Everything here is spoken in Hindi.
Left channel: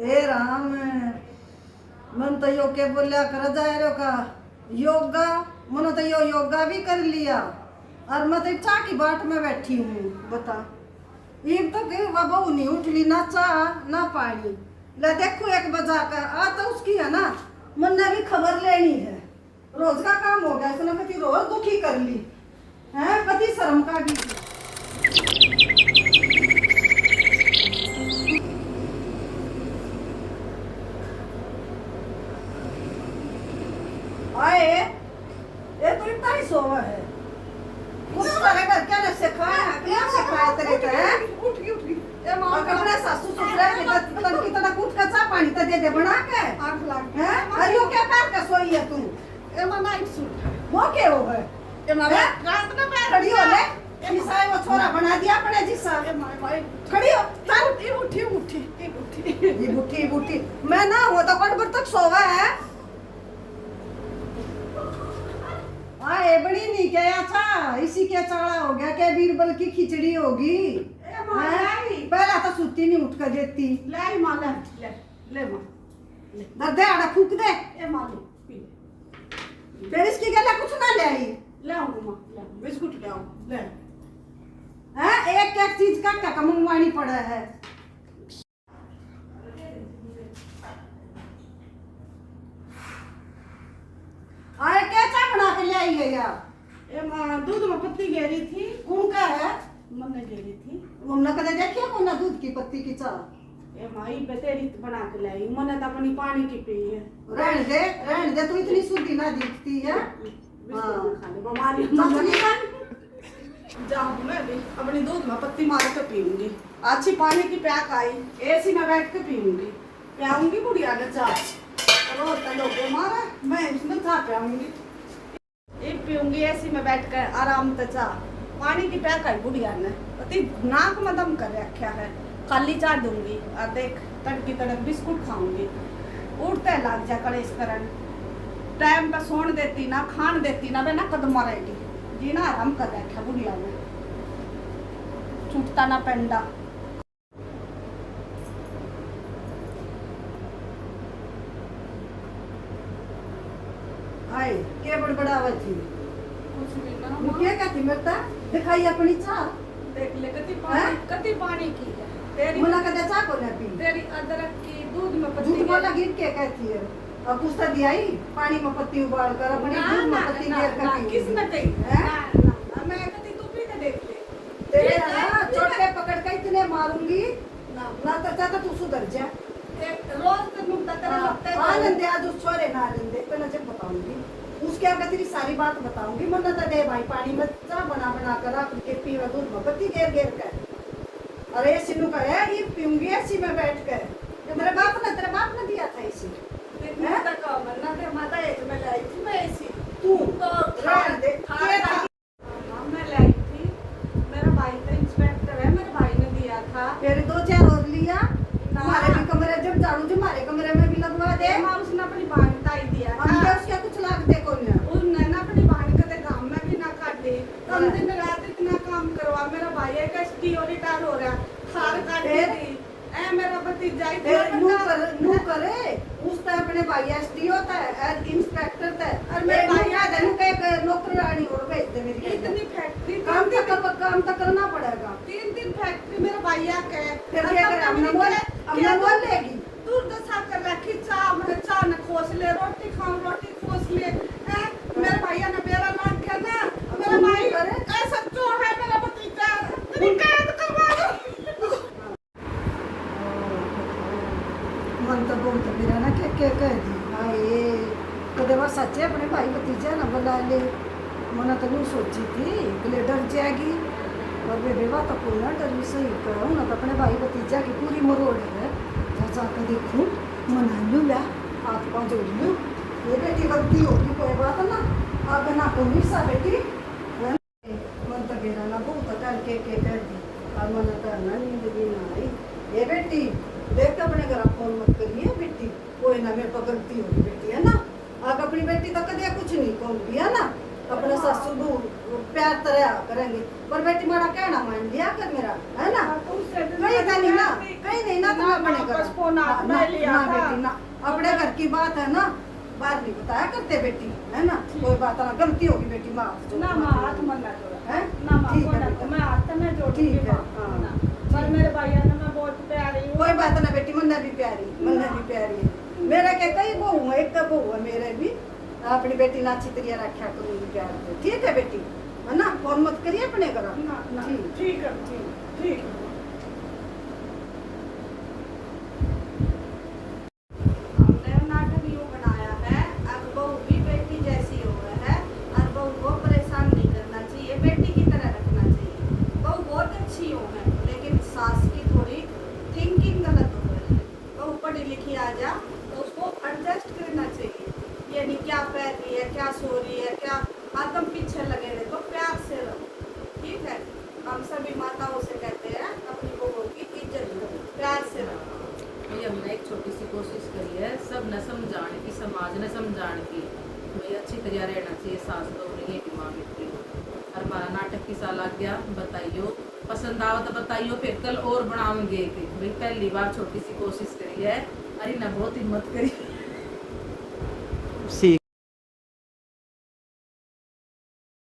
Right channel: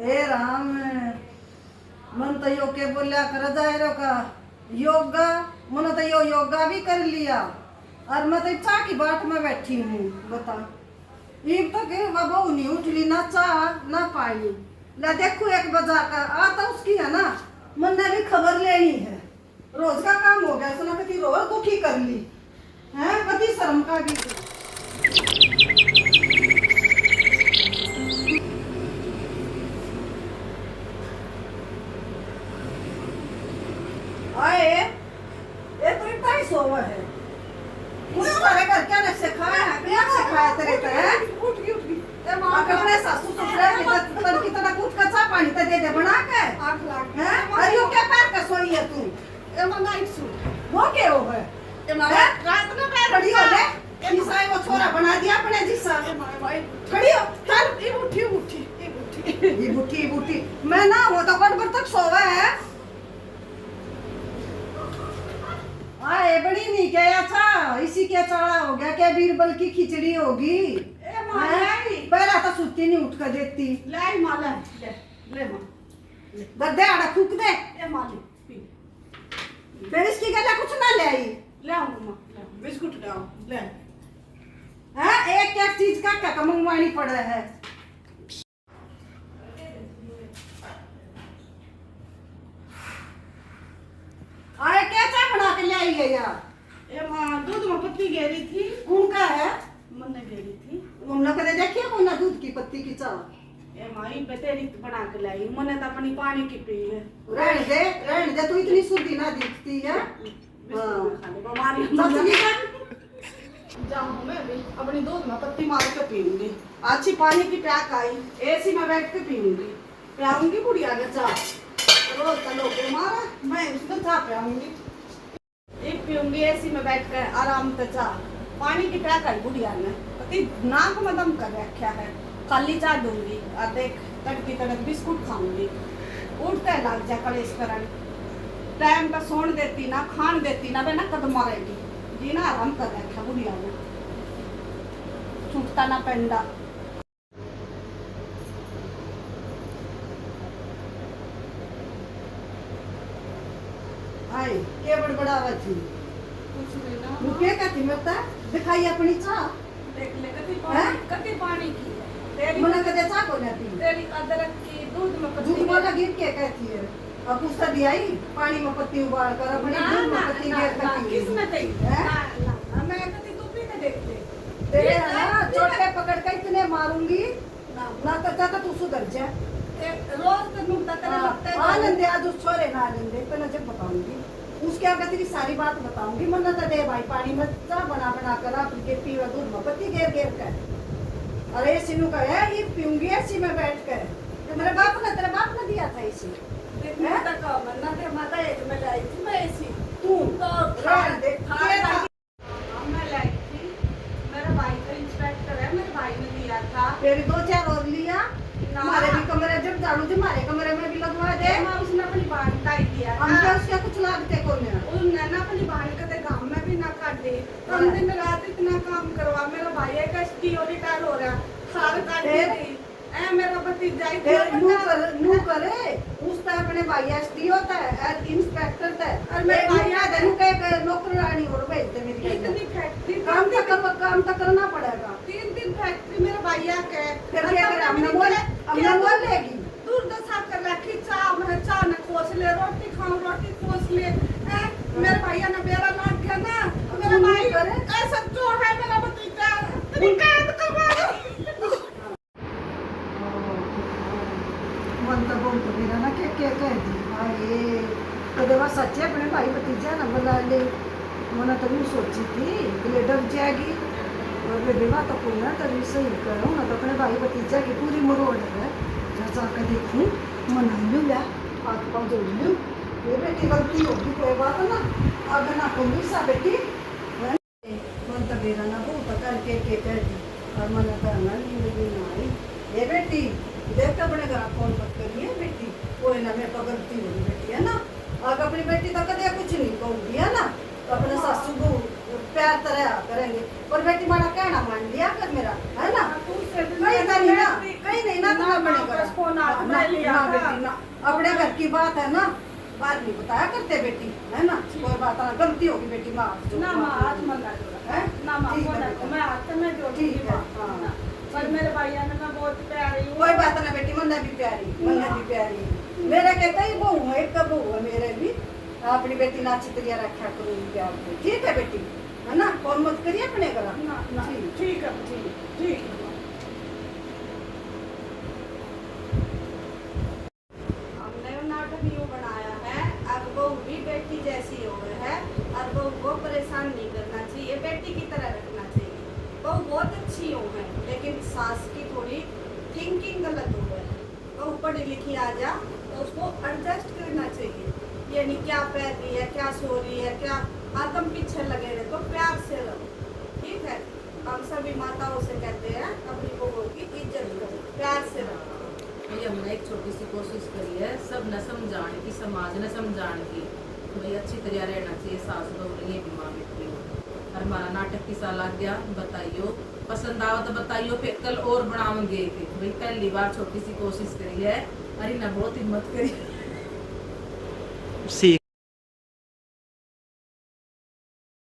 हे राम, मन तो यो के बोलिया कर जाए रो का योगा, मन तो यो योगा भी कर लिया और मैं तो चाह की बाट में बैठी हूँ। बता एक तक वह बहू नहीं उठली, ना चाह ना पानी। ले देखो एक बजा कर आ तो उसकी है ना, मन ने भी खबर लेनी है। रोज का काम हो गया, उसने कति रोज दुखी कर ली है, कति शर्म का भी। आए ये तो इतना ही सोवा है, कुछ करे कर क्या ने सिखाया है, क्या सिखाया तेरे को है? उठ गई ये मां अपने सासू ससुर के तन की तरह कूद का चा पानी तो दे दे बना के आग लाग है। अरे यो क्या पैर का सोई है तू? ये मां नाइट सूट वो के हो है? ये मां रात में पैर खड़ी हो ले, ईसाई वो छोरा बना दिया अपने जिस्सा। ये मां भाई खड़ी हो, चल ये उठी उठी ये उठी ये उठी उठी। मैं ना वो तो गड़बड़ तक सोवा है। आए बड़ी नहीं क्या था, इसी के चाड़ा हो गया क्या? बीरबल की खिचड़ी होगी। पहला तो सुती नहीं उठ कर देखती। ले मां ले ले मां दर्दे आड़ा फूक दे। ए मां ले फिर इसकी गला कुछ ना ले आई। ले आऊंगा मां, ले बिस्कुट ले आओ ले। हां एक एक चीज का मंगवानी पड़ रहा है। आए क्या चाय बना के ले आई है यार? ए मां दूध में पत्ती गेरी थी। कौन का है? मन ने गेरी थी। हमने कदे देखिए कौन ना दूध की पत्ती की चाय? ए मां ई बेतेरी बना के लाई, मने तो अपनी पानी की पी है। रहने दे तू इतनी शुद्धि ना दिखती है। हां बीमारी जाऊं मैं भी अपनी दूध में पत्ती मार के पीऊंगी, अच्छी पानी की प्याक आई, एसी में बैठ के पीऊंगी, पियाऊंगी बुढ़िया ने चाय। रोज तो लोग मारा, मैं उसमें चाय पियाऊंगी, एक पीऊंगी एसी में बैठ कर आराम से चाय। पानी की प्याक आई बुढ़िया ने, पति नाक में दम कर रखा है। खाली चाय दूंगी और देख तड़की तड़क बिस्कुट खाऊंगी, उठते लग जा कलेश करन। टाइम पे सोन देती ना खान देती ना, वे ना कदम मारेगी जी ना, आराम कर रखा बुढ़िया ने, छूटता ना पेंडा। आए के बड़बड़ावा थी कुछ भी ना क्या कहती मरता दिखाई अपनी चाह। देख ले कति पानी की है तेरी, मना कदे चाह को ना पी। तेरी अदरक की दूध में पत्ती दूध वाला गिर के कहती है और कुछ दिया ही पानी में पत्ती उबाल कर अपनी दूध में पत्ती गिर कर किसने कही है? मैं कति तू पी के देख ले तेरे ना चोटे पकड़ के इतने मारूंगी ना तो तू सुधर जा। रोज तक मुंह तक लगता है। आनंद आज उस छोरे ना आनंद पहले जब बताऊंगी उसके आगे तेरी सारी बात बताऊंगी। मन तो दे भाई पानी में चाह बना बना कर अपनी पीवा दूध में पत्ती घेर घेर कर। अरे सिनू का है ये पीऊंगी ऐसी में बैठ कर। तेरे बाप ने दिया था इसी तक मरना के माता एक में लाई थी मैं ऐसी तू तो रहने दे। मैं लाई थी, मेरा भाई का इंस्पेक्टर है, मेरे भाई ने दिया था। तेरे दो चार और लिया हमारे भी कमरे जब झाड़ू जी हमारे कमरे में भी लगवा दे। उसने अपनी बहन का ही दिया था। हम क्या कुछ लाग दे को उसने ना अपनी बहन के गांव में भी ना काट दी, दिन रात इतना काम करवा। मेरा भाई एक एसपीओ रिटायर हो गया, सार काट दी। ए मेरा भतीजा नू करे उसका अपने भाई एसडी होता है इंस्पेक्टर था और मेरे भाई का धनु का नौकरानी और भेज दे मेरी इतनी फैक्ट्री काम तो करना पड़ेगा। 3 फैक्ट्री मेरे भैया के। फिर क्या करे हमने बोल लेगी दूर दशा कर रखी, चाह मेरे चाह न खोस ले, रोटी खाऊं रोटी खोस ले। मेरे भैया ने बेरा मार दिया ना, मेरा भाई ऐसा चोर है मेरा भतीजा। मन तो बोल तो मेरा ना क्या कह दी हाँ ये तो देवा सच्चे अपने भाई भतीजा ना बुला ले। मैंने तो नहीं सोची थी कि डर जाएगी और ये देवा तो कोई ना डर सही करो ना तो अपने भाई भतीजा की पूरी मरोड़ है। जाकर देखूँ मना लूँ ला हाथ पाँव जोड़ लूँ, ये बेटी गलती होगी कोई बात ना अगर ना कोई सा बेटी मन तो मेरा ना बहुत करके कर दी और मन का ना नींद भी ना आई। ये बेटी देख के अपने घर फोन मत करिए बेटी, कोई ना मेरे को गलती होगी बेटी है ना। आगे अपनी बेटी तो कदे कुछ नहीं कहूँगी है ना, अपने सासू को प्यार तरह करेंगे पर बेटी मारा कहना मान लिया कर मेरा है ना। कहीं नहीं ना इतना तो मैं अपने घर फोन ना हाथ में लिया ना था। बेटी ना, अपने घर की बात है ना, बात नहीं बताया करते बेटी, है ना, कोई बात ना, गलती होगी बेटी, माफ ना माँ हाथ मन ना जोड़ा है ना माँ ठीक को है ना बेटा। मैं हाथ तो मैं जोड़ूंगी ठीक है, माँ हाँ। ना। पर मेरे भैया ने मैं बहुत प्यारी हूँ। कोई बात ना बेटी, मन्ना भी प्यारी, मन्ना भी प्यारी, मेरा कहता ही बहू है, एक का बहू है मेरे भी, अपनी बेटी ना अच्छी तरह रखा करूंगी प्यार को, ठीक है बेटी, है ना, कौन मत करिए अपने घर, ना ना ठीक। ठीक है ठीक है माँ। हमने वो नाटक यूँ बनाया है, अब बहू भी बेटी जैसी हो गई है और बहू को परेशान नहीं करना चाहिए, बेटी की तरह रखना चाहिए। बहू बहुत अच्छी हो है लेकिन सास की थोड़ी थिंकिंग गलत हो है। बहू पढ़ी लिखी आ जा तो उसको एडजस्ट करना चाहिए, ये नहीं क्या पह रही है, क्या सो रही है, क्या हरदम पीछे लगे रहे, तो प्यार से रहो, ठीक है। हम सभी माताओं से कहते हैं अपनी बहू की इज्जत करो, प्यार से रखो। भाई हमने एक छोटी सी कोशिश करी है, सब न समझाने की, समाज ने समझाने की, भाई अच्छी तरह रहना चाहिए, सास बहू नहीं है दिमाग इतनी। और हमारा नाटक किसा लग गया बताइयो, पसंद आवा तो बताइयो, फिर कल और बनाओगे कि भाई पहली बार छोटी सी कोशिश करी है, अरे ना बहुत हिम्मत करी। सीख